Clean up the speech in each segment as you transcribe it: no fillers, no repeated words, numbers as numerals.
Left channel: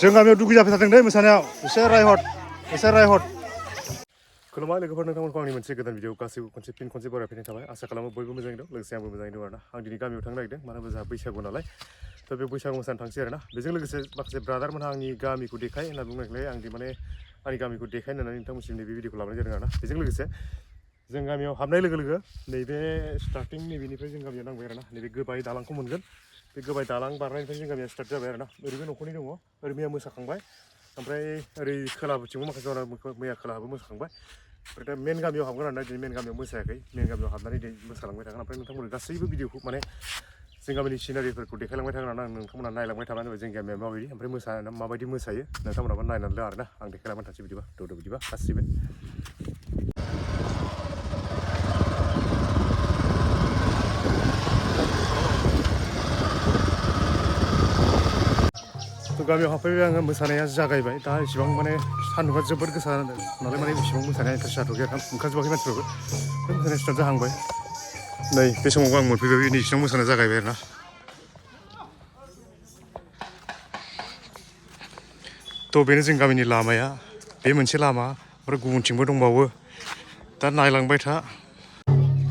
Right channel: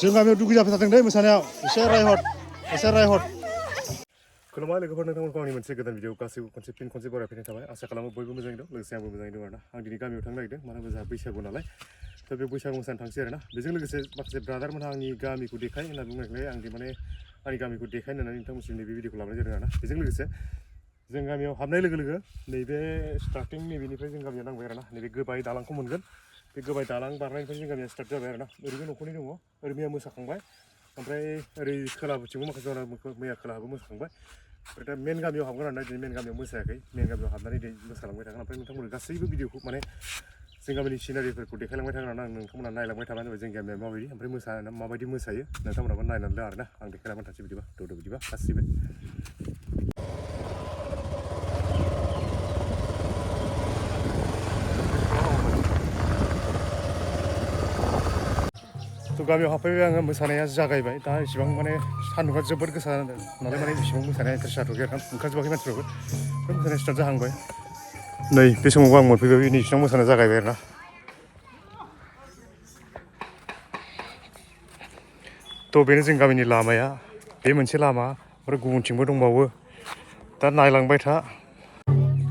जों गामियाव दुगै जाफै थादों दै मोसानायाव एसे रायहर खुलुमबाय लोगोफोर नोंथांमोनखौ आंनि मोनसे गोदान भिडिअ गासैबो खनसे बरायफैनाय थाबाय आसा खालामो बयबो मोजाङै दं लोगोसे आंबो मोजाङै दं आरोना आं दिनै गामियाव थांनो नागिरदों मानो होनबा जोंहा बैसागु नालाय थ' बे बैसागु मोसानो थांसै आरोना बेजों लोगोसे माखासे ब्रादारमोनहा आंनि गामिखौ देखाय होनना बुंनायखाय आं माने आंनि गामिखौ देखाय होननानै नोंथांमोनसिम नैबे भिडिअखौ लाबोनाय जादों आरोना बेजों लोगोसे जों गामियाव हाबनाय लोगो लोगो नैबे स्टार्टिं नैबेनिफ्राय जों गामियाव नांबाय आरोना नैबे गोबाय दालांखौ मोनगोन बे गोबाय दालां बारनायनिफ्राय जों गामिया स्टार्ट जाबाय आरोना ओरैबो न'खरनि दङ ओरै मैया मोसाखांबाय ओमफ्राय ओरै खोलाबोथिंबो माखासे दङ मैया खोलाहाबो मोसाखांबाय ओमफ्राय दा मेन गामियाव हाबगोन आरोना दिनै मेन गामियाव मोसायाखै मेन गामियाव हाबनानै दिनै मोसालांबाय थागोन ओमफ्राय नोंथांमोननो गासैबो भिडिअखौ माने जों गामिनि सिनारिफोरखौ देखायलांबाय थागोन आरोना नोंथांमोना नायलांबाय थाबानो जाबाय जों गामिया माबायदि ओमफ्राय मोसानाया माबायदि मोसायो नोंथांमोनाबो नायनानै ला आरोना आं देखायलांबाय थानोसै बिदिबा द' बिदिबा गासिबो थ' गामियाव हाबफैबाय आङो मोसानाया जागायबाय दा इसेबां माने सान्दुंआ जोबोद गोसा नालाय माने इसेबां मोसानाया इन्टारेस्ट जाथ'वाखै आरोना ओंखारजोबाखै मानसिफ्राबो ओमफ्राय मोसानाया स्टार्ट जाहांबाय नै बे समावबो आं मोनफैबाय नै इसेबां मोसानाया जागायबाय आरोना थ' बेनो जों गामिनि लामाया बे मोनसे लामा ओमफ्राय गुबुनथिंबो दंबावो दा नायलांबाय था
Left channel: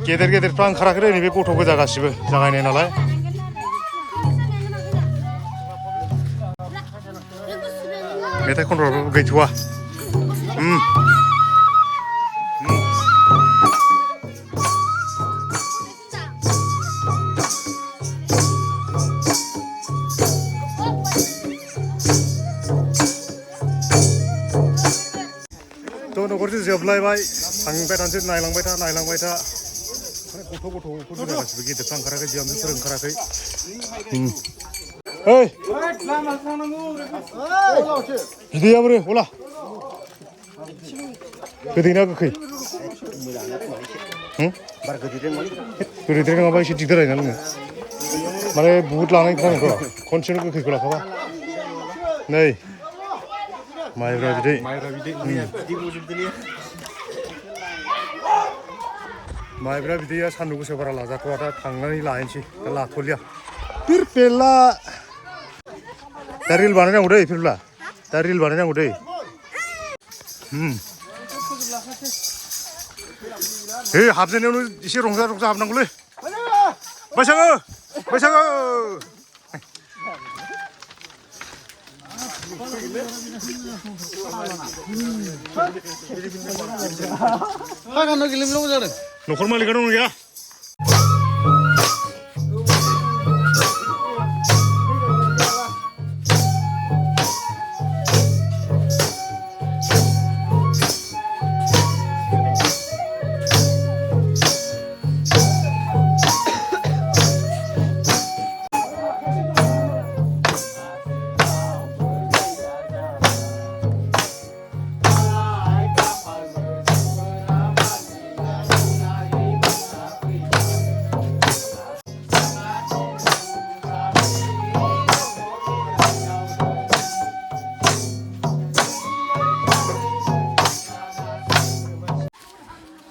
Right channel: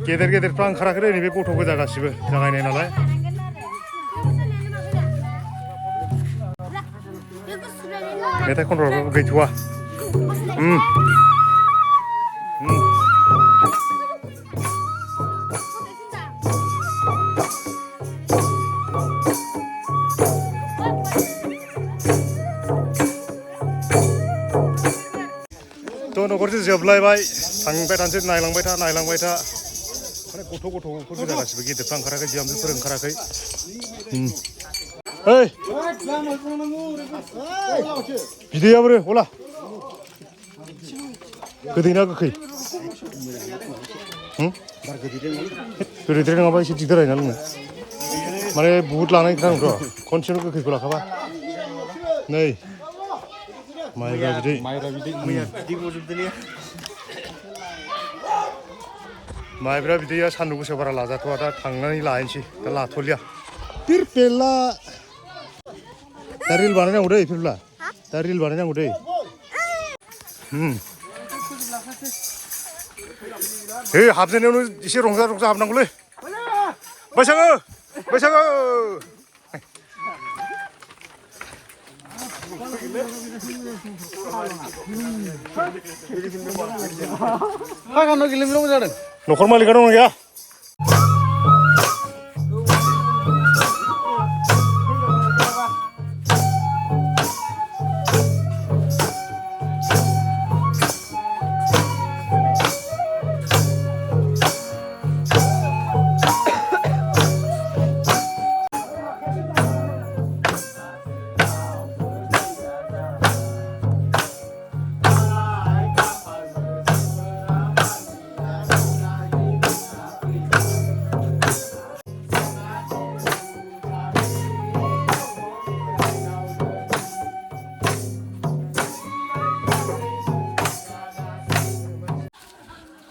गेदेरफ्रा ओंखाराखै नैबे गथ' गोजा गासिबो जागायनाय नालाय मेथाइ खनग्राफोरबो गैथ'वा थ' न'खरसे जोबलायबाय थांबाय थानोसै नायलांबाय था माने गथ'फोर गासिबो गेदेरफ्रा ओंखाराखै बिहामजोफोर ओंखाराखै ओइ बिदैया बोरो अला गोदैना गोखै गोदैद्राय नङाबा एसे दिगदार जायोना लोंनो माने बुहुद लानाय नांगौथ' खनसेनो गोखैखौ लाखाबा नै माइब्रा बिदै माइब्रा बिदैया सान्दुं गोसायाव बारा लाजाथ'वा दा थांनानै लायनोसै दा लाथ'लिया पिरपेला दा रिल बानायनांगौ दै पिरपेला दा रिल बानायनांगौ दै हे हाबजेननायावनो एसे रंजा हाबनांगौलै बैसागो न'खर मालिका दं गैया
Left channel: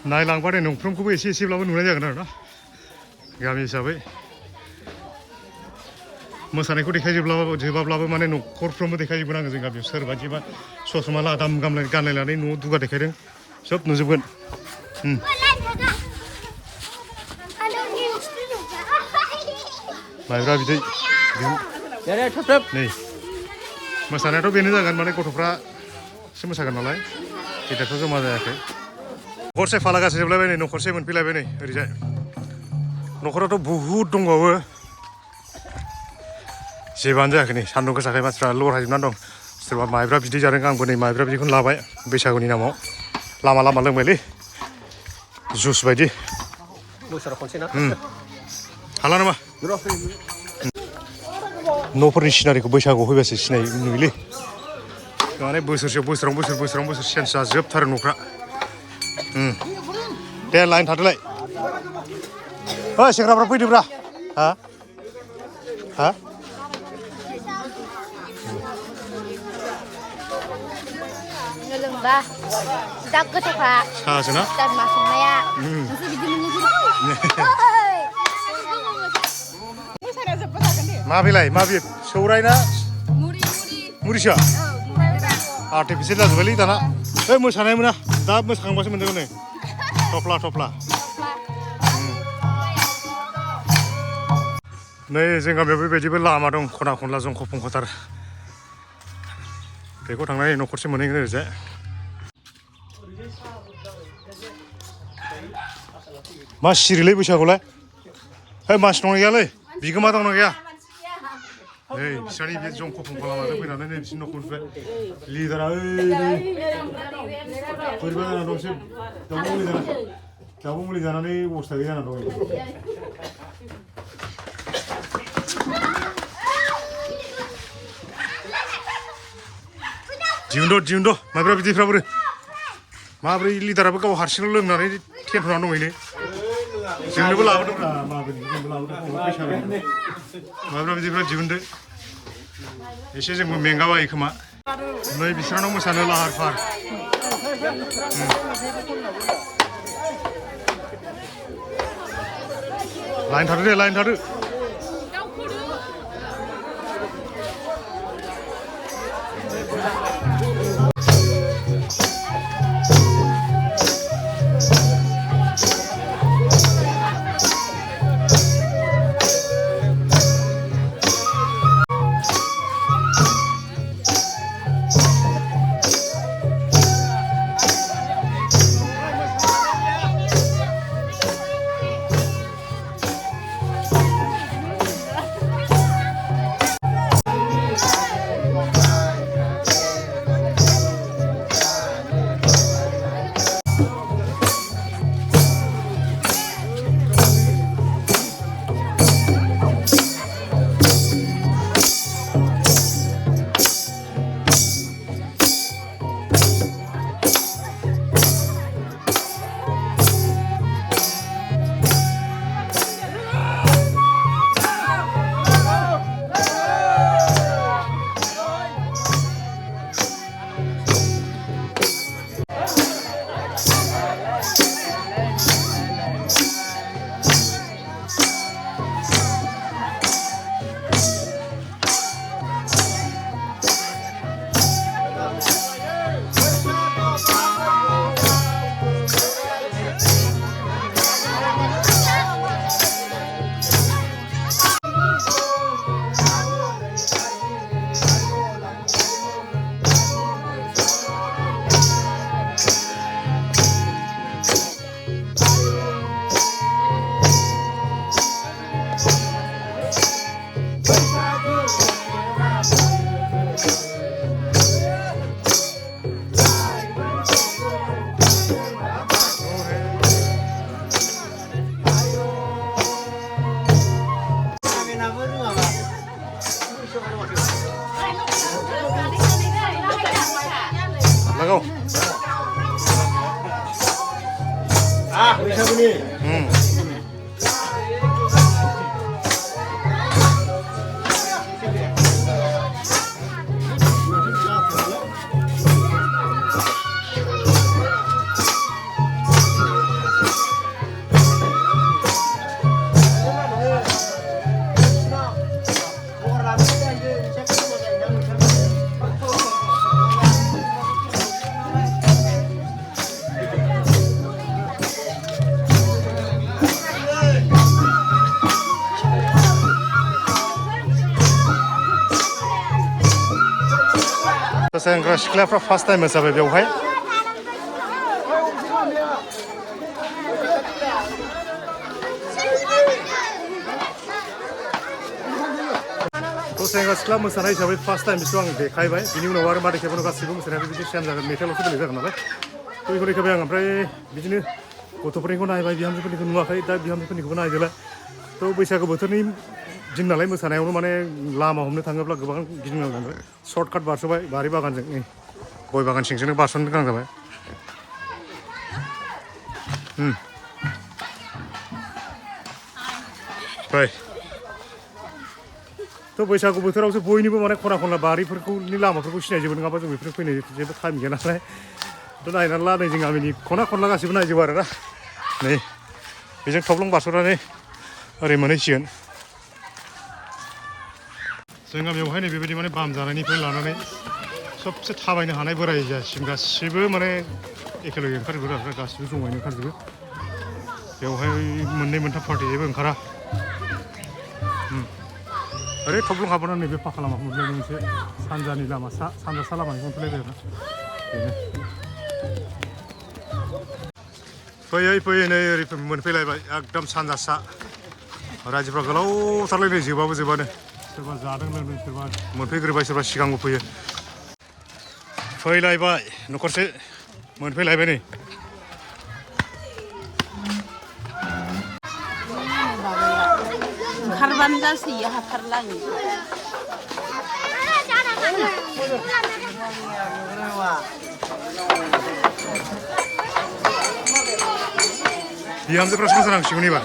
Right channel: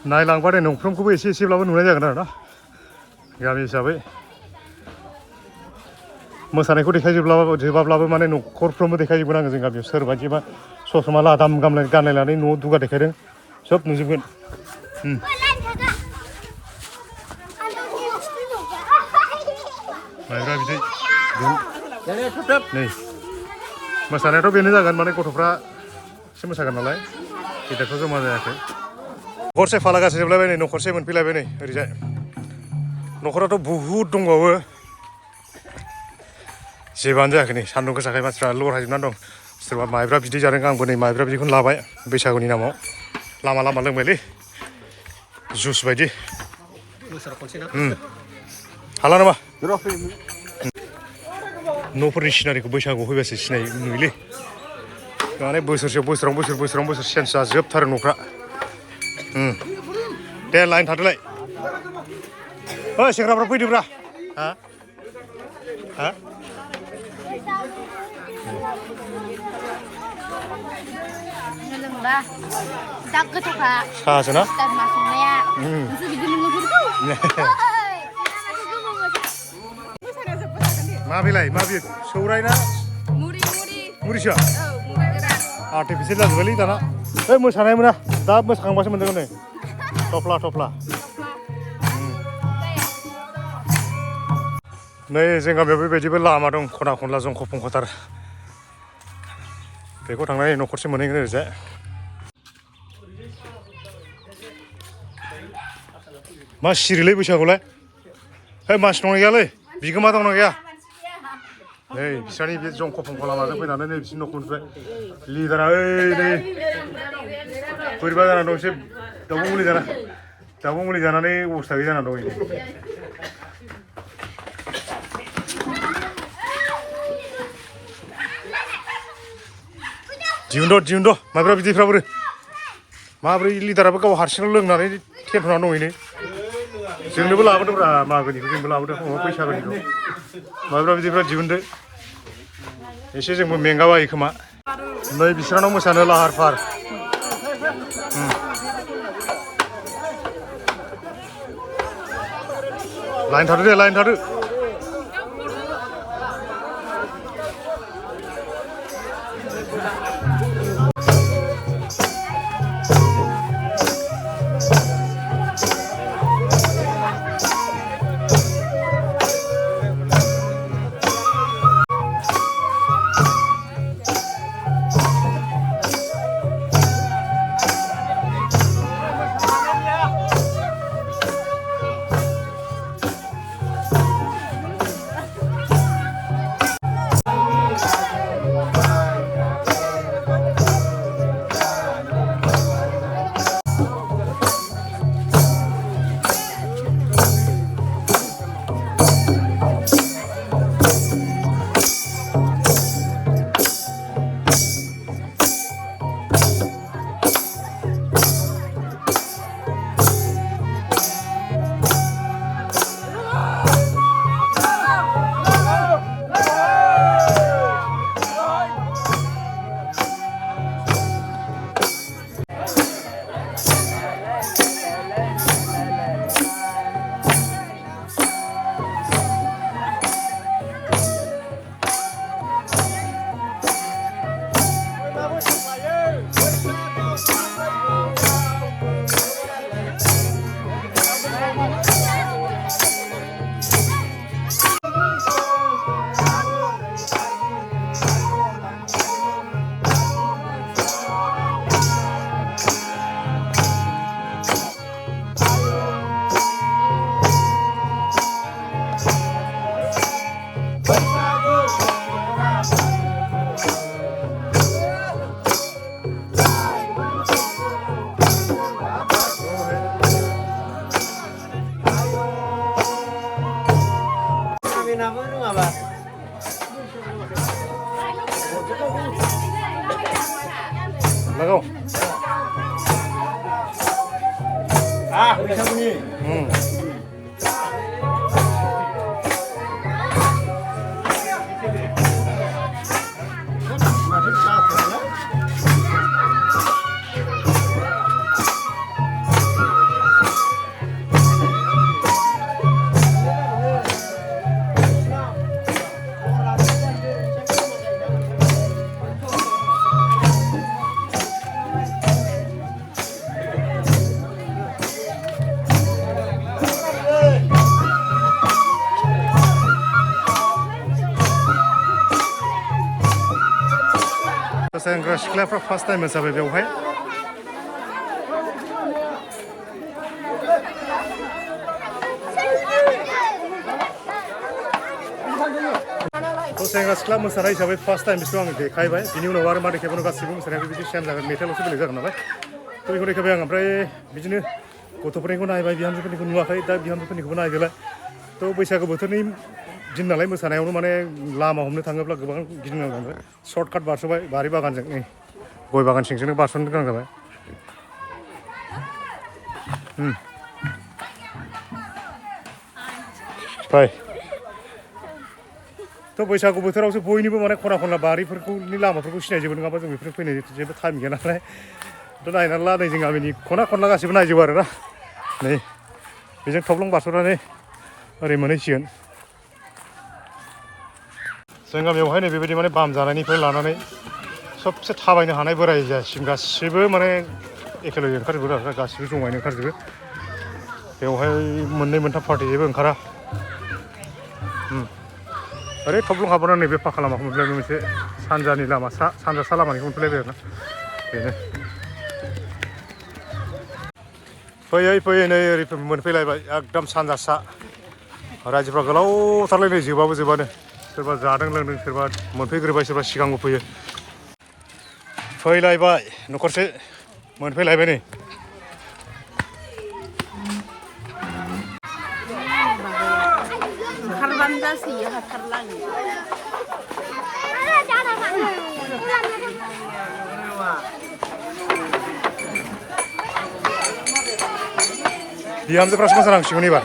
नायलांबाथाय न'फ्रोमखौबो एसेब्लाबो नुनाय जागोन आरोना गामि हिसाबै मोसानायखौ देखायजोबाब्लाबो माने न'खरफ्रोमबो देखायजोबगोन आङो जों गामियाव सोरबायदिबा ससमा लादाम गानलायनानै न'आव दुगा देखायदों सब नुजोबगोन माइब्रा बिदै नै मोसानायाथ' बेनो जागोन माने गथ'फ्रा एसे मोसागोन नालाय गेदेरफ्रा जमा जायाखै न'खरसे फालागासे जोबलायबाय नै न'खरसे मोनफैलायबाय नै ओरैजाय न'खराथ' बुहुद दंबावो जेबानो जायाखै नै सान्दुं गोसाखाय मानसिफ्रा लरहायजोबनानै दं सोरबा माइब्रा बिदै जादों आंबो नै माइब्रा बिदैखौनो लाबाय बैसागुनि नामाव लामा लोंबायलै जुस बायदि हाला नामा न'फोरनि सिनारिखौ बैसागुआव फैबासो नुयोलै माने बोसोरावनो बोसोर चेन्ज जाजोबथारो न'फ्रा दे लाइन थादोलाय ओइ सेंग्राफ्रा फैदोब्रा हा साहासोना माबेलाय माबे सौराय ना मुरिसा आर्टिफिसियेल जाजोब्बायलै दाना ओइ मोसानाय मोना दा मोसाखांबासो मोनजागोन नै थफ्ला थफ्ला नै जों गामियाव बेबायदिबो लामा दं खना खनला जंख' फंख'थार बेखौ थांनानै न'खरसे मोनहैगोन ओरैजाय मा सिरिलै बैसागुलाय है मानसि दंना गैयालै बिगोमा दंना गैया नै बिस्रानि बे जंख' फंख' लामाजों फैनानै नै बिसोरनि न'खरनिफ्राय लिदारा ओइ नै बोरैबा जाना दं एसे दाउब' मुलि जानानै अबस्था गैया जाना दं दिहुनद' माइब्रा बिदैफ्राबो माब्रै लिदाराबो गाव हारसिंल' लोंनानै टेनसनाव दंहैनो जोंनोबो लाबोदोंब्रा मागोनिखौ जोंबो लाबोदों बैसागोनिखौ माइब्रा बिदैफ्रा दिहुनदो एसे जोंबो मेंगाबायो खोमा नै बिसोरनाव मोसानो लाहार फाहार लाइन थादो दे लाइन थादो लगाओ बैसागुनि सेंग्रा सिख्लाफ्रा फार्स्ट टाइम मोसाबाय बेवहाय सेंग्रा सिख्ला मोसानाय हिसाबै फार्स्ट टाइम बिसोर आं देखायबाय बिनि उनाव आरो मा देखायबावनो गासिबो मोसानाया बिदि सेम जागोन मेथाइल'सो बेलेग जागोन नालाय थ' बेखौ देखायबाय आं ओमफ्राय बिदिनो गथ'फोरनिखौ नायबाय बिहामजोफोरनिखौ नुवाखै दा बिहामजोफोरनिखौबो नायदोलाय थ' बैसागु बोथोरनि दिन नालाय मोसानायावनो माने लामा हमनो थाङोब्ला गोबां गिदिंनांगौ जाबाय सर्टकाट बारस'बाय बारि बागानजों नै गय बागान सिंजोंनो बारस'नो गोनां जाबाय फ्राय थ' बैसागु बोथोरावसो बयनिबो माने खना खनला बारिफोरखौनि लामाफोरखौ सिनायजोबो नङाबा जों बेफोरनो फैनो जेबो टाइम गैया नालाय थ' नायनानै ला नै जों गामिनि खना खनला गासिबो नायजोबो आरोना नै बेजों थब्लं बारस'नानै ओरै मोनहैसिगोन जों गामियावहाय नै बेबायदि माने बाम जानायनिफ्राय लानानै सबसे थाबायनो हानाय बोराय जासिम गासिबो माने एखेलगे ओंखारजोबो आरो गासिबो जमायैनो ओंखारजोबो बेवहाय मोननै मोनथाम पार्टि जेबो ओंखारा ओरै थब्लं हाबनानै नैबे फाखा लामाखौ मोनफैलायबाय मोनसे सानजानि लामा सानजा सा लामानिखौ मोनफैलायबाय आरोना बेनो फैयै फैयै नै ओरै मोनफैलायबाय एकदम सानजा सा रायजोफ्रा गोलावथारलाय नै जोबाबो जोबानो सोरबा जादों लोंदों सोरबा मोनफैग्रोबाय सोरबा सिगांबो फैयो फैलायबाय न'खरसे मोनफैलायबाय नै ओंखारबानो गासैयो हाथारलानो बिहामजोफ्रासो मोसानांसिगोन एबार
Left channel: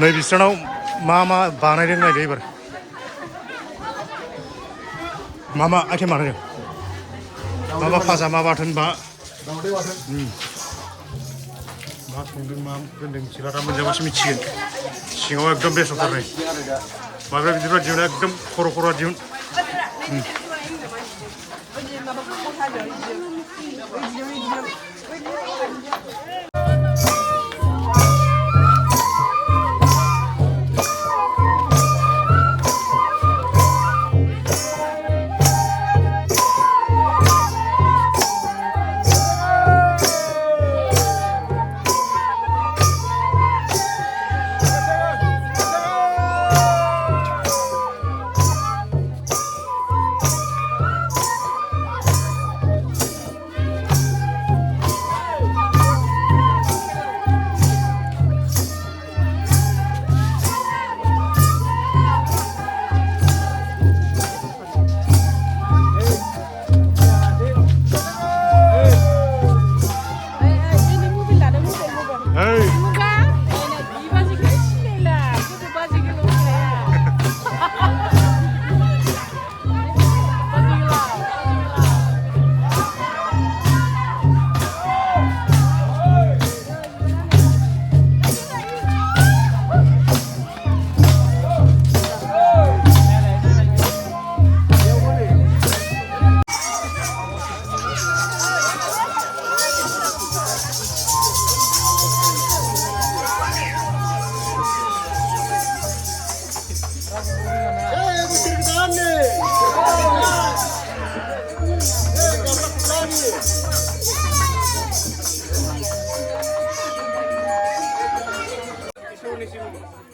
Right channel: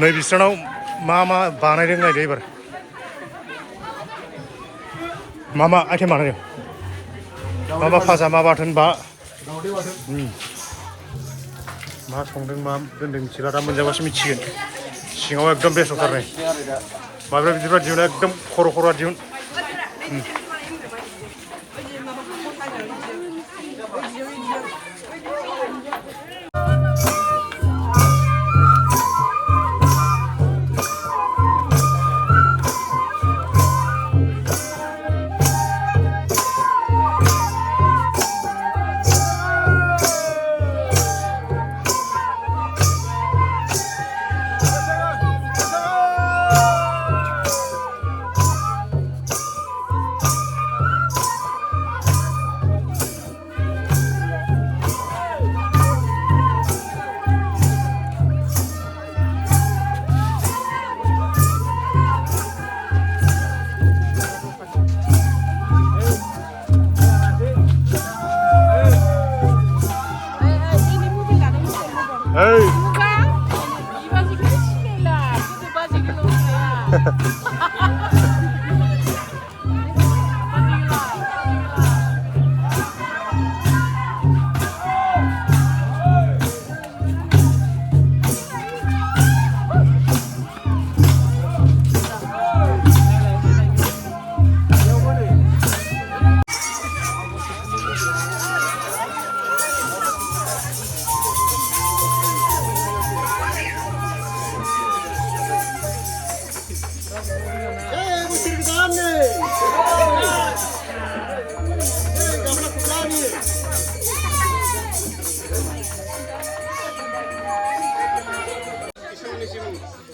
नै बिस्रानाव मा मा बानायदों नायदो एबार मा मा आइटेम बानायदों मा मा फाजा मा बाथोन मा संदों मा दोनदों मिथिला दा मोनजाबासो मिथिगोन सिङाव एकदम बेस्टथार नै माब्रै बिदिब्ला दिहुन एकदम खर' दिहुन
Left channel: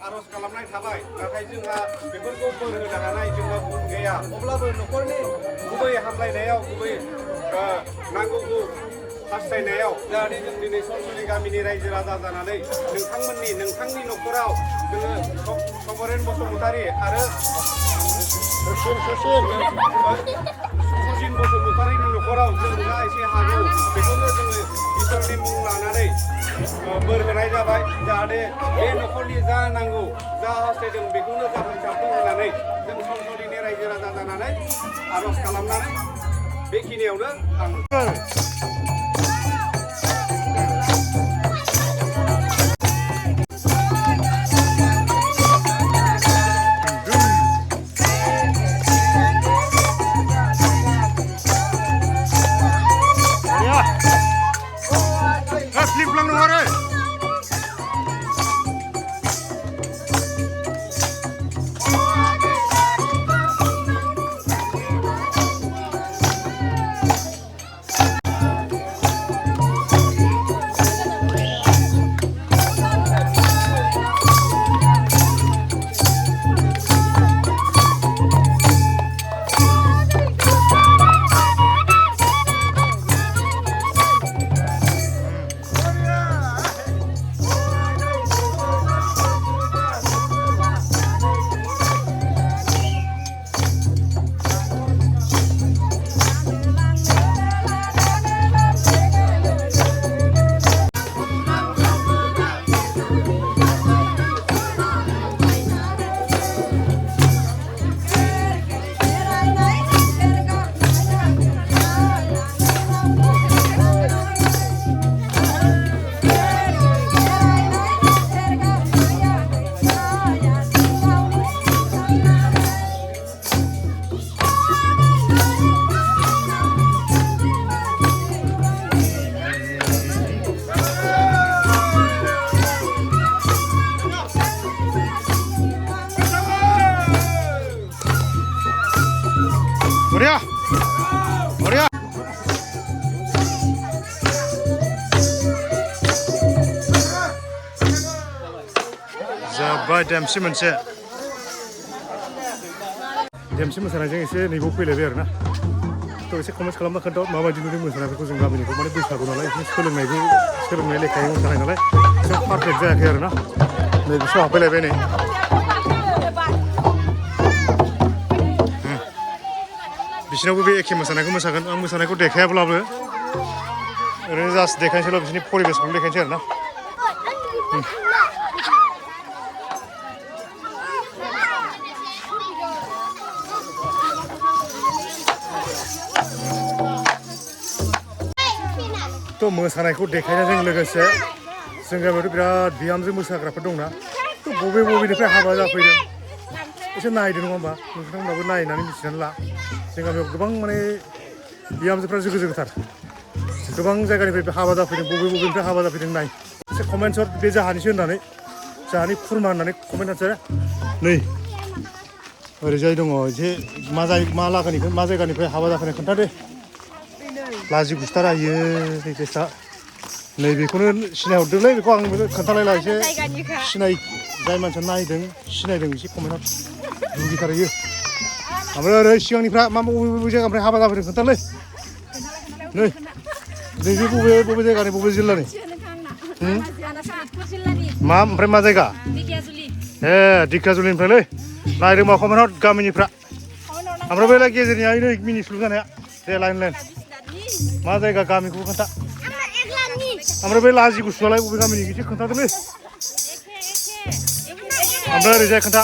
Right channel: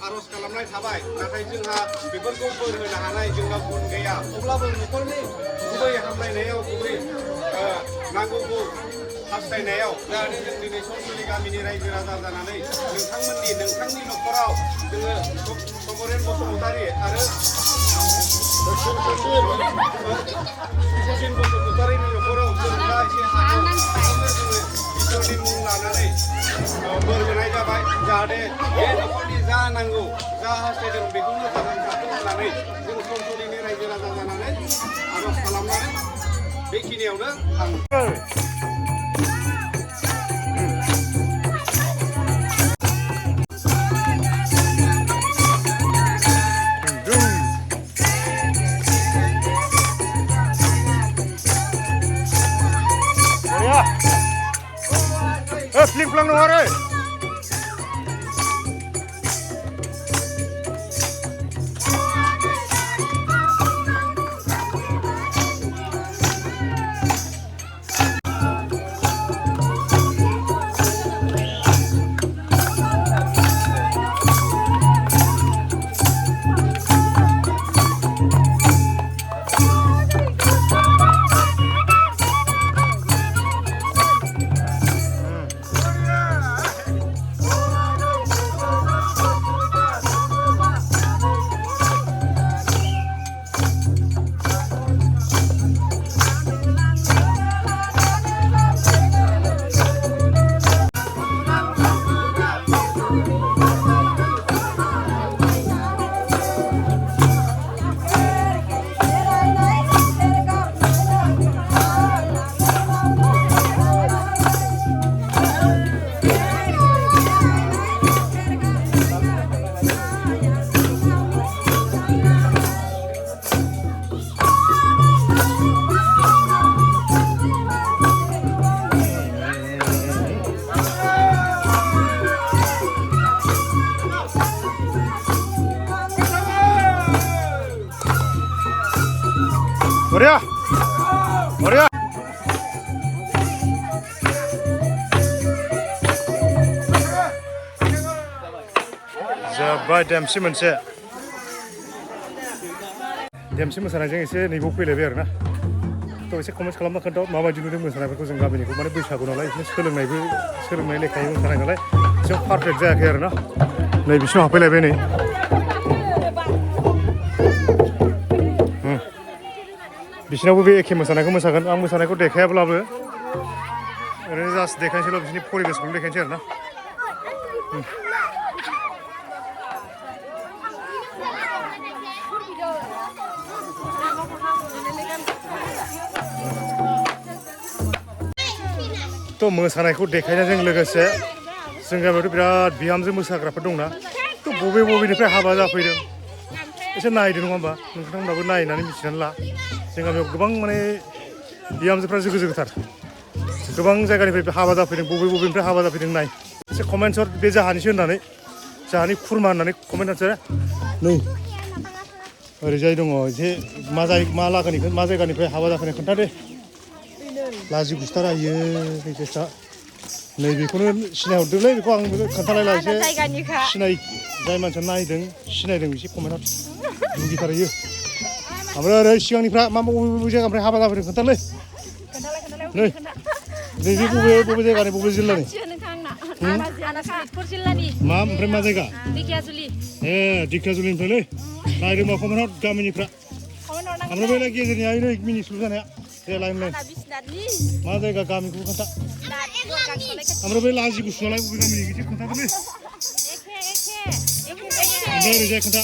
आरज खालामनाय थाबाय नाथाय जोंहा बेफोरखौ बोर होनो हानाय जोंनाव गुन गैया अब्लाबो न'खरनि गुबै हामलायनायाव गुबै नांगौखौ हास्थायनायाव जाहाथे जों दिनै सनसुलि गामिनि रायजो राजा जानानै नोंथांनि न'खराव जोङो समरेन बसुमतारी आरो सुसिन बसुमतारीनि न'खराव जों जा एसे हागौ बेखौनो जोङो इसोरनि मुं लानानै बोर होनाय जाबाय जाहाथे बे न'खरनि जा नांगौ जा हास्थायदों बेखौनो जाफुंसारथों होननानै जों सनसुलिनि रायजो राजा जानानै आरज खालामनानै बेखिनियावनो आं Flip lang nung hari. बरिया बरिया जाबाय देमसि मोनसे देमसि मोसानायजों एसे नैबाव फैलायबाय आरोना थ' एसे कमेन्ट खालामना खोन्था माबायदि नुदों मोसानायफोरखौ जों गामिनिखौ माने बैसागु नालाय बिदिनो सोलोंनाय लेखायै मोसानाय नालाय एसे पारफेक्ट जायाखै आरोना नै बिसिम सफैलायबाय नै बिसिनावबो बे एखे मोसानायखौ मोसागोन आं मोसानायखौ देखायाब्लाबो ओरैनो जास्ट देखायनोसैल' बिसोरनि परिबेसखौल' देखायनोसै आरोना थ' मोसानायखौ देखायनायजों लोगोसे जों गामियावथ' बिराद बिहामजो मोसाग्राफोर दंना थ' बबेनिफ्राय हाबा जाफैदों एसे नायदो नङा होमबा नोंथांमोनहाबो नायनानै मिथिनानै ला जों गामियाव गोबां माने बिहामजोफ्रा जोगोथार गोबां जायगानिफ्राय हाबा जाफैदों बबेनिफ्राय हाबा जाफैदों नाय एसे कमेन्टसर बे जाहानिसो होननानै जाहानि खुरमा होननानै कमेन्ट हरसै नै ओरैजाय दङ एसे मा लागानिफ्राय मा जायगानिफ्राय हाबा जाफैनाय खोन्थादे लाजि गुस्थारा इयो केसा नैबेखौनो सिनायहरदोंलै बेखौ आं खोन्थालायला एसे जाय मानसिया नायदों सिनायदों एसे कमेन्टआव दुगिथारहैयो ओमफ्राय ओरै सिगांनिफ्रा बबे जायगानिफ्राय हाबा जाफैदों खोन्थालै नै नैबे बबे जायगानि बबे जिल्लानि मा ओमफ्राय मा जायगा ए दिखियाजुलिनिफ्रायलै नायदों मा कमेन्टआव गामिनिफ्रा ओमफ्राय बेलाय गेजेरनिया नै मिनिस्लु जानाया दे लाइन मा जायगा गामिखौबो खोन्था ओमफ्राय बे लाजि गुसुआलाय बबे गामिनि एसे खोन्थादोलै ओमफ्राय ओरैजाय खोन्था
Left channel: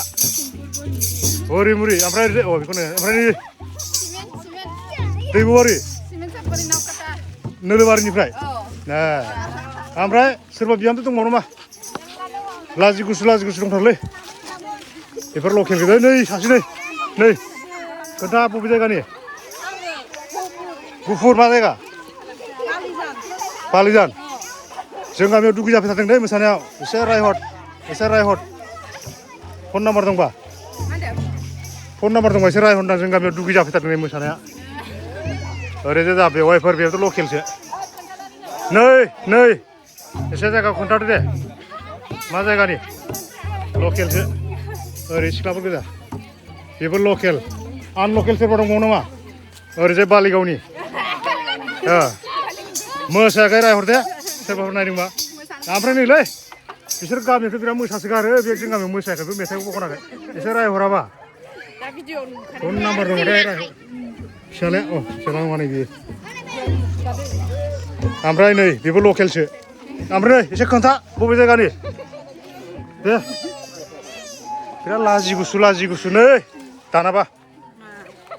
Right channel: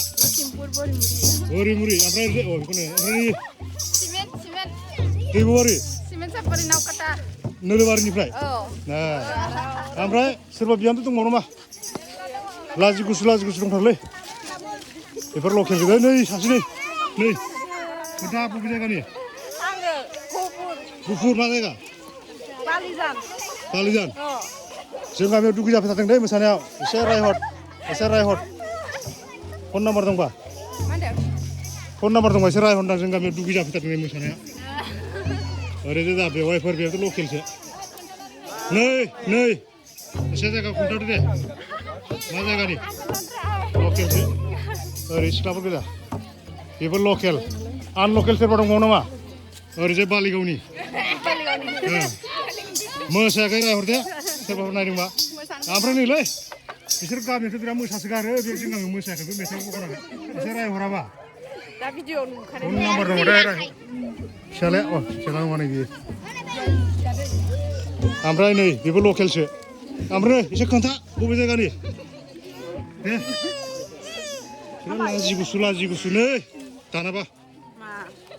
हरिमुरि ओमफ्राय ओरैजाय बेखौनो ओमफ्राय दैब'बारि नोलोबारिनिफ्राय ओमफ्राय सोरबा बिहामजो दंबावो नामा लाजि गुसु दंथारोलै बेफोर लकेल गोजा नै सासे नै खोन्था बबे जायगानि गुफुर मा जायगा बालिजान जों गामियाव दुगै जाफैथारदों दै मोसानायाव एसे रायहर फन नाम्बार दंबा एसे रायहरदां जों गामियाव दुगै जाफैथारदों मोसानाया ओरैजाय जा बेवहायफोर बेयावथ' लकेलसो नै एसे जायगा खोन्थादो दे मा जायगानि लकेलसो ओरै सिख्लाफोर गोजा बेबो लकेल आनलकेल सोरबा दंबावो नामा ओरैजाय बालिगावनि मोसायाखै रायहरदे सोरबाफोर नायदोंबा ओमफ्राय नैलै बिसोर गामियावथ' बिराद मोसासोगारो बे जों गामियाव मोसायाखै बे मेथाइखौ खनाखै एसे रायहराबा फन नाम्बार दङ दे फिसालाया माने बियो ओमफ्राय नै बेबो लकेलसो ओमफ्राय नै एसे खोन्था बबे जायगानि दे बिराद लाजि गुसु नै दानाबा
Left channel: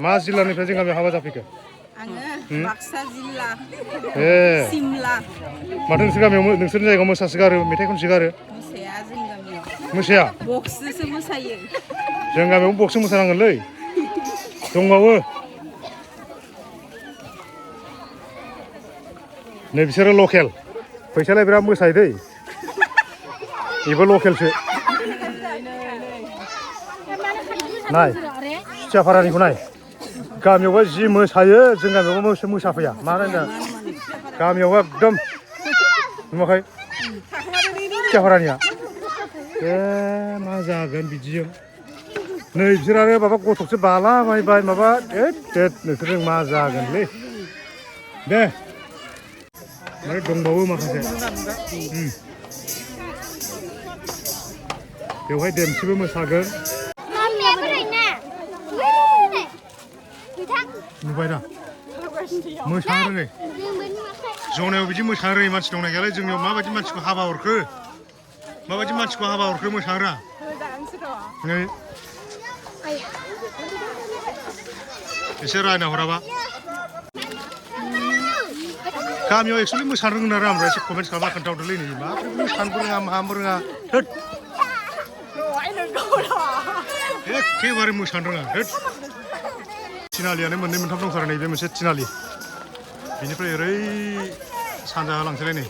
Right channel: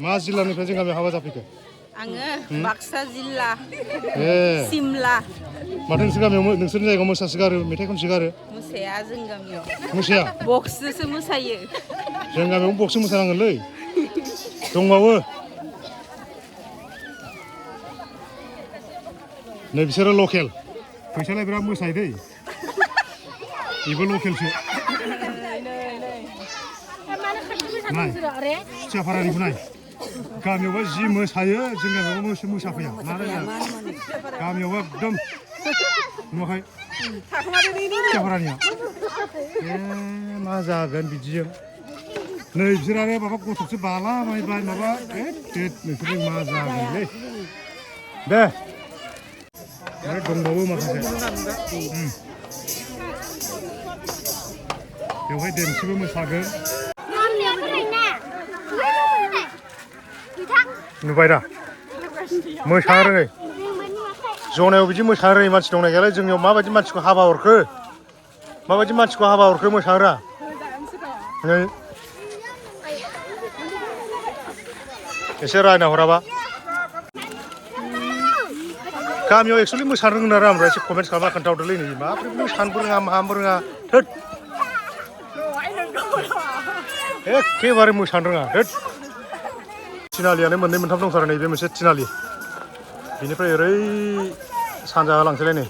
मा जिल्लानिफ्राय जों गामियाव हाबा जाफैखो आङो बाक्सा जिल्ला सिमला माथो नोंसोर गामियाव नोंसोरनि जायगायाव मोसासोगारो मेथाइ खनसोगारो मोसाया जों गामियाव मोसाया बक्सजोंसो मोसायो जों गामियाव बक्सजों मोसानांगोनलै दंबावो नै बिसोरो लकेल फैसालाय बिराद मोसायो दै बेबो लकेलसो नाय सुथियाफारानिखौ नाय गामियावबा जि मोसायो जों गामियावबा मोसाफैया मानो होनदों गामियावबा एकदम नुवाखै सुथियाफारानिया मा जागोन बिदिजों नै बिसोर आरो माबा गथ'सो बालाबायबाय माबा नोंसोरजों मा जागोनलै दे दंबावो माखासे बेवहाय देमसिबो मोसागोन नुबाय दा मोसानो रोङै जनायाव बिदि मोसानो रोङै मानसि दंना गैयालाय जोंनियाव माबायदि मानसिखौ हाबा हरखो मोसानो रोङा नै एसे रायना हराबा गामियाव एक्सुवेलि मोसानो रोङो ना ओमफ्राय एसे कमेन्ट खालामना खोन्थाहरदोलै नै माबोरै मोसानोबो रोङा माहाबो रोङा एखेबारे मोसानो रोङा थिनालियानो मोननै मोनथाम दंथारो नै बे मोनसे थिनालि बेनिफ्राय ओरै सानजा लांसैलाय नै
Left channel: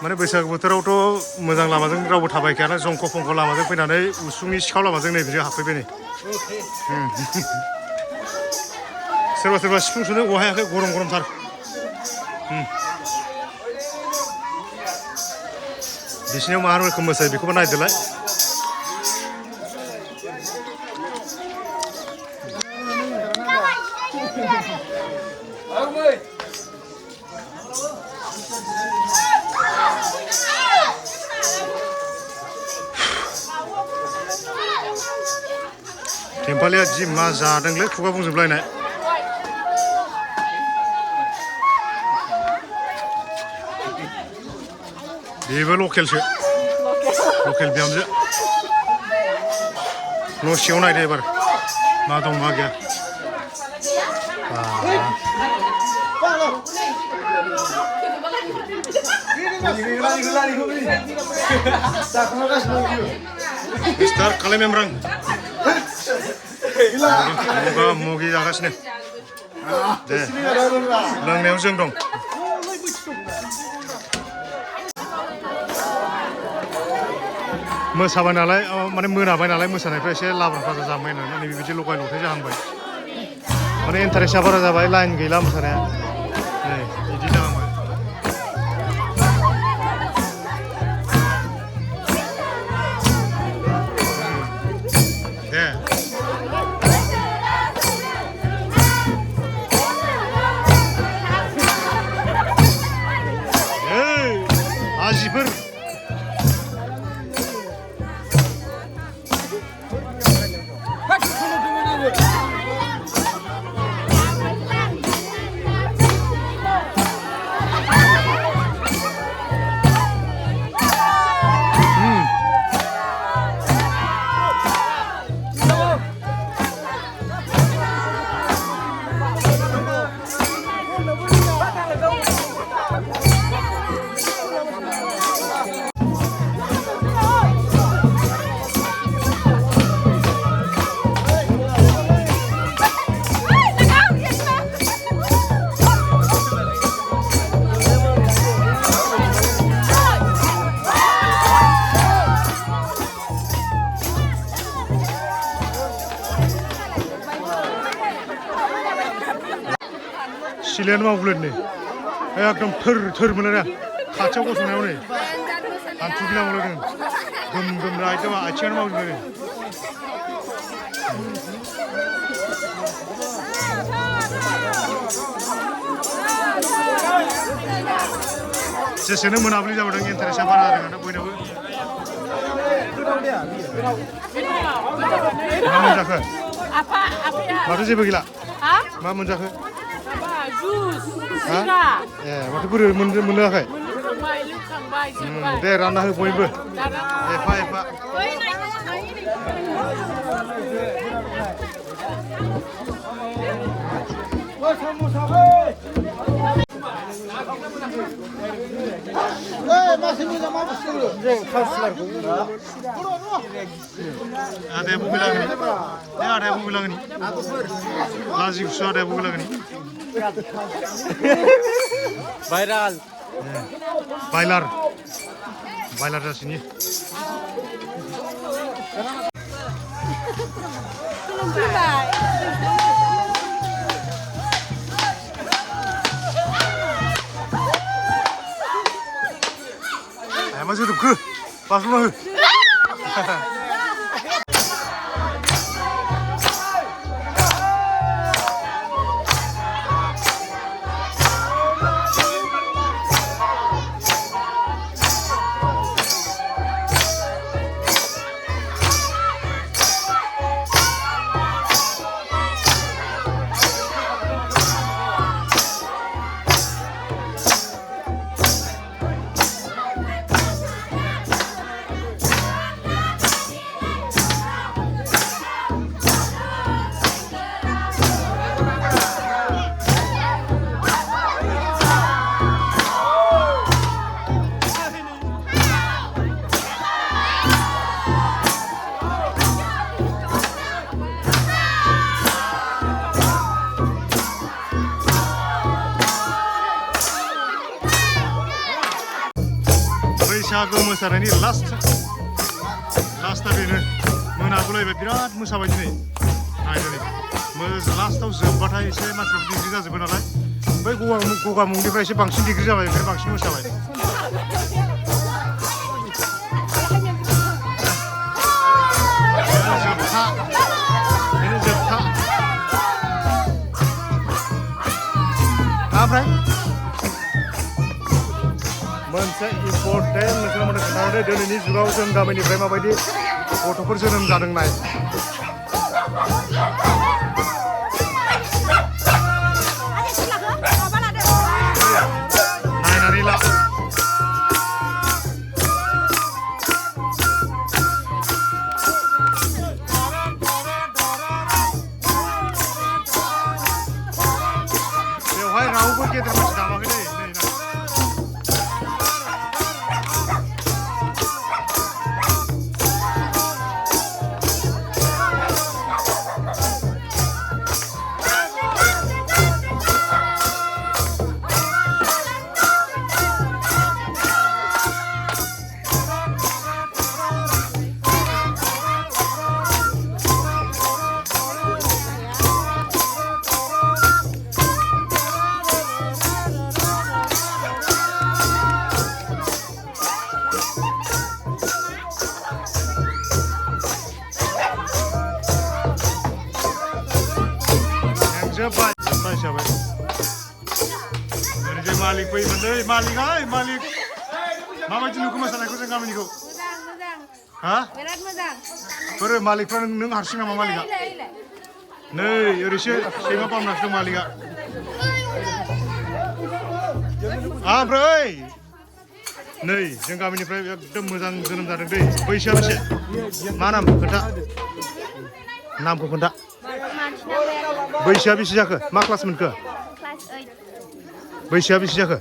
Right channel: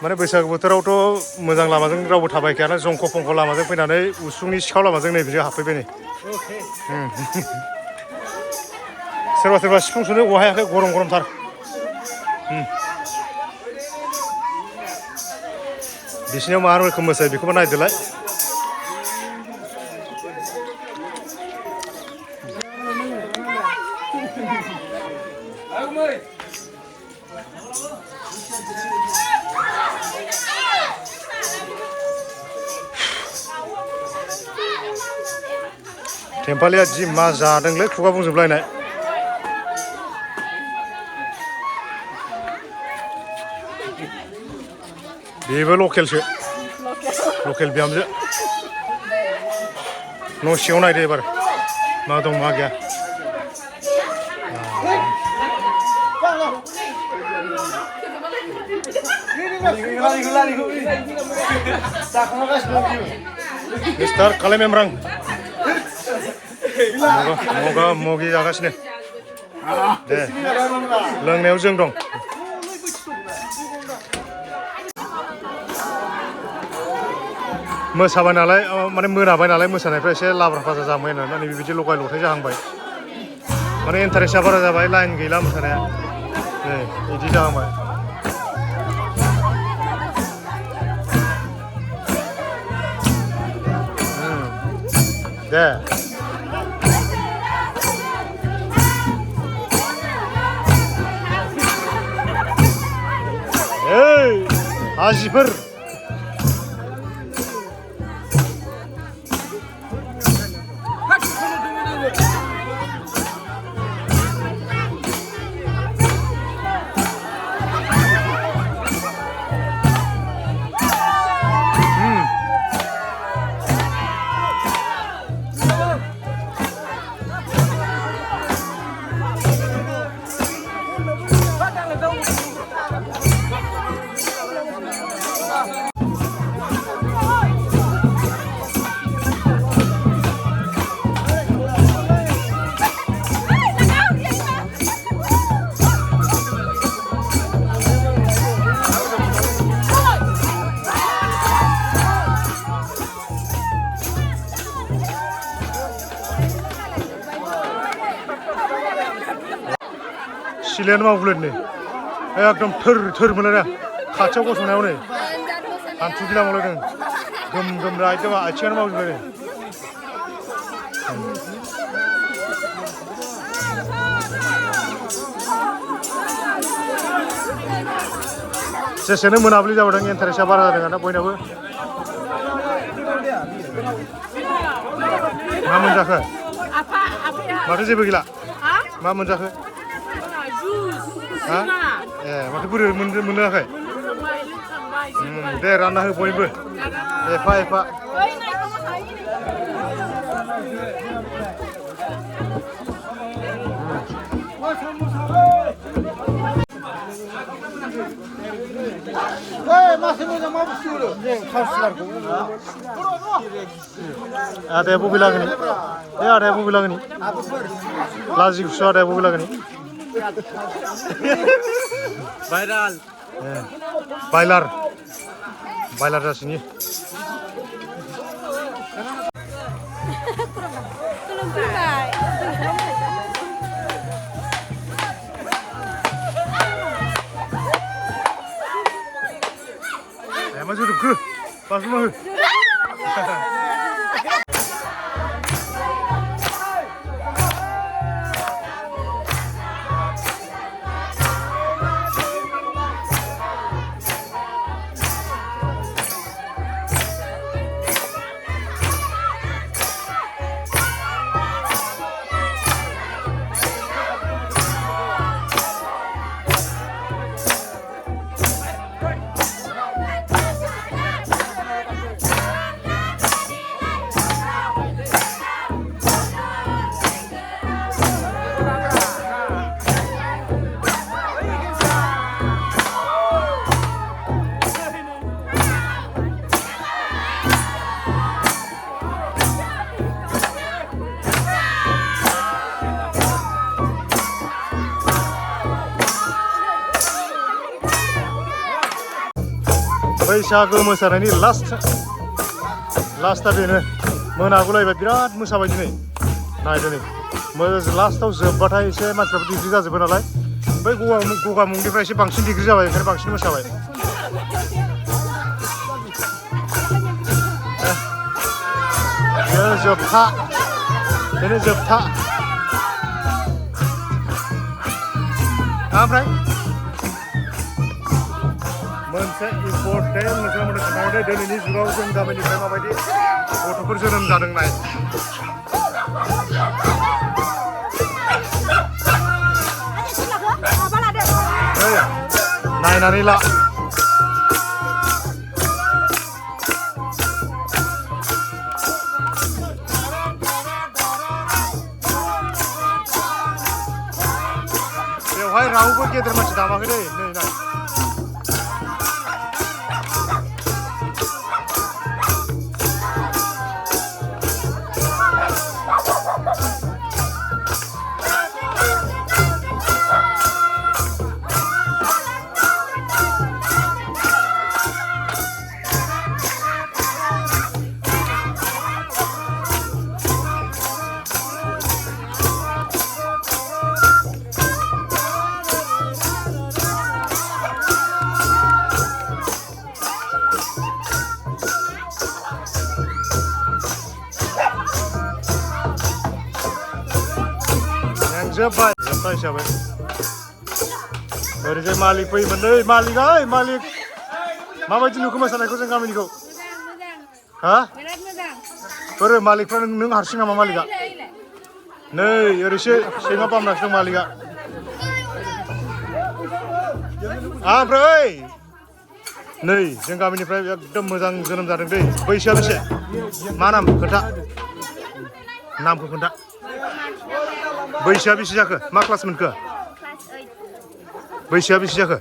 माने बैसागु बोथोरावथ' मोजां लामाजों रावबो थाबायखायाना जंख' फंख' लामाजों फैनानै उसुंनि सिखाव लामाजों नै बिजों हाबफैबाय नै सोरबा सोरबा सिफुं सुनो औवा हायाखै गरम गरमथार बिसिनियाव मा रोखोम मोसायो बेखौबो नायदोलाय टेम्पालिया जि मा जादोंलै खुगा बुंजोबलायनाय बेबो लकेलसो लकेल बिहामजो न' सिङाव नायदो एबार मा दं मा गैया मिस्टार काले मेमरां मगा मगि जागासिनो दे लोंनायाव जों दं मोसाबाय नालाय माने मोनाबाय नालाय मोसानायफ्रा एसे लाब्रा फाजा जाबाय होननानै बेबायदि लगाय लथाय जाहांबाय माने इन्टारेस्टआ बारा जाबाय लाइन गैला मोसानाया नै बिदि जाहांबाय दे आजिफोर सिलायानो मावगुलायदों नै एकदम थोर मोनलायना खाथियाव गसंनायाव नै हान्थु गिला मावलायदों गोम गोम एकदम आथिङानो मावजोबलायदों जेसेनो मोनाबिलि जाबोदों इन्टारेस्टआ बारा जादों आरोना बयनाबो मा मोनजाखो माथो जेबो गैला मा मोनजाखो हा ए माथो बोरै मोनलोङाखै दे रानना हो बयबो एफा एफा आदाया बबे लागोनि आदाया बबे लागोनि लाजि गुसु आदाया बबे लागोनि भाइराल बायलार जासिनि मा जोदोबखो बाज्ल'ना हो बैसागो मोसानायनि लास्टआ बेनो मोनागुलायबाय बिराद मोसाबाय दिनै नायदो नै लास्टआव जोबबाथाय एसे मानसिफ्राबो डिग्री जाजोबो नालाय बै गगा मुंनिफ्राय एसे बांसिन डिग्री जाबाय ओंखायनो बांसिन मोसाबाय बेनो जोबथा ओमफ्राय मोनसे इम्पर्टेन्ट नोंथांमोननो खोन्थाहरदो दिनैनि जुगाव जों गामिनिफ्राय माबायदि गथ'फोर जोनोम जादों नाय नायनानै ला बेवहाय रावबो गेदेर मानसि दामाखै दै नै नाय जोब्बाय हिसाबै ओरैजाय मालिक फैयोमोन नै मालिक माबायदि नुखो मोसानायखौ जों गामिनिखौ हा बोरो मालिकफ्रा नों हारसिं नामा मालिकआ नै ओरैसो सैमा बामनासो दं मालिकआ ओमफ्राय नै जों गामिनिफ्राय एकदम मोजां जोनोम जादों दै बैसोआ बेसे मा नाम खोन्था नामखौ खोन्था बैसोआ बेसे जाखो मा क्लास मोनखो बैसोआ बेसे जाखो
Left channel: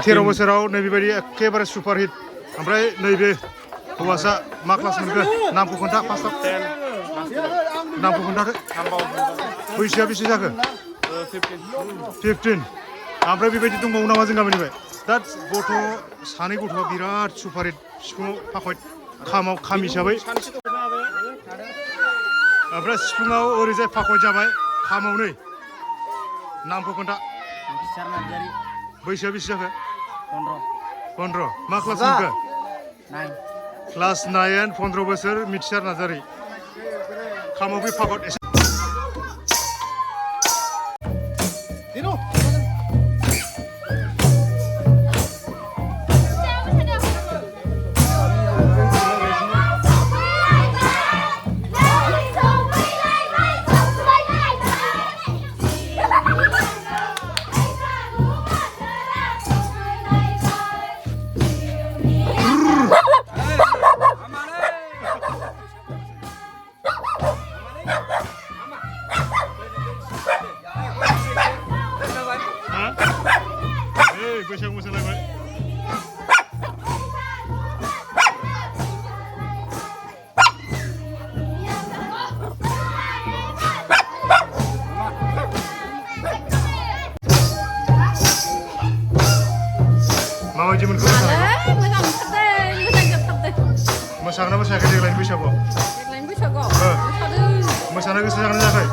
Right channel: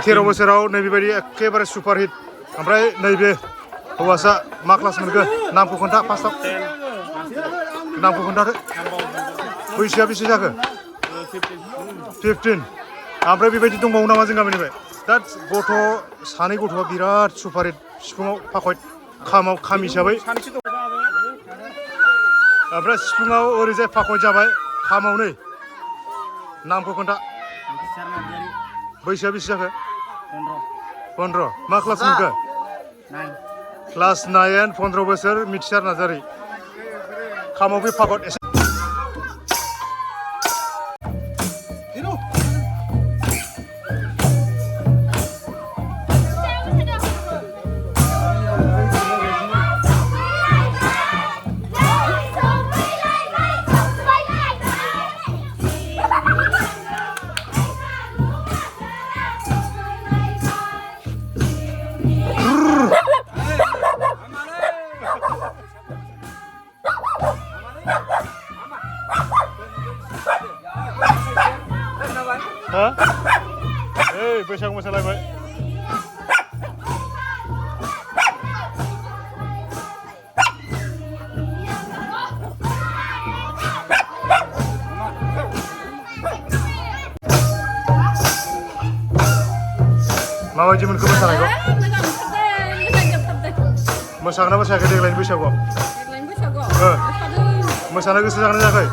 13 बोसोराव नैबेबायदि एखेबारे सुपारहिट ओमफ्राय नैबे हौवासा मा क्लास मोनखो नामखौ खोन्था फार्स्टआव नामखौ खोन्थादो बैसोआ बेसे जाखो 15 ओमफ्राय बेबायदि दंबावो नामा जों गामिनिफ्राय दा सानै गथ'आ बिराद सुपारहिट सिफुङाव फाखयत खाम हिसाबै ओमफ्राय सिफुङाव ओरैजाय फाखय जाबाय खामाव नै नामखौ खोन्था बैसोआ बेसे जाखो 15 मा क्लास मोनखो क्लास 9 15 बोसोर मिथिसार नार्जारि खामाव बे फाखय एसे बैसागु मोसालायबाय माबायदि मोनखो मोसानायखौ मोसागोना मोसायाखै देग्लायनि बैसागुआव मोसानो गोसो जागोन जायाखै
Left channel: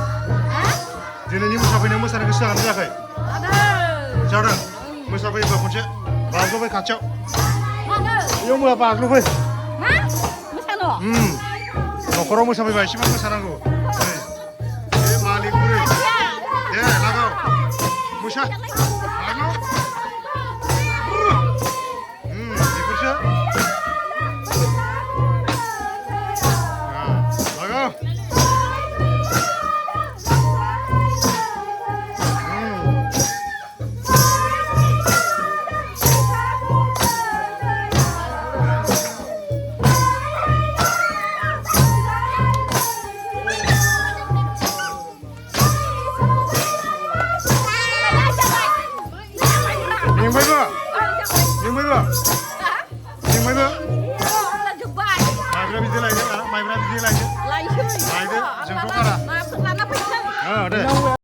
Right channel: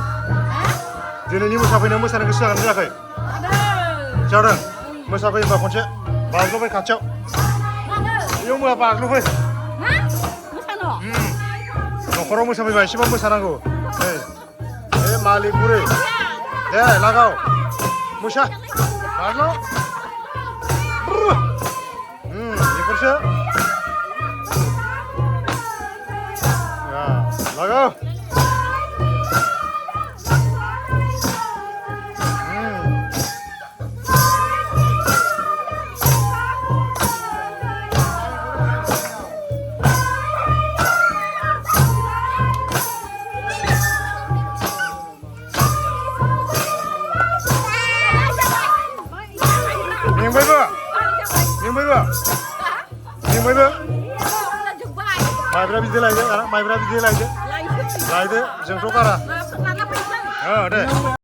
दिनैनि मोसाफैनायाव मोसानो गोसो जागोन जायाखै जादों मोसाफै होनबा खनसे बाज्ल'बाय खाथियाव बेयाव मुवा बाज्ल'फै न'खराव मोसाफैबा एसेबां मोसानांगौ नै बे मालिक बुरै दे लागाव मोसा बाज्ल' बेफोरसो लागाव मेंबायबो माइब्रा बिदै लायदो माइब्रा बिदै लायदो जोंथ' गारा दे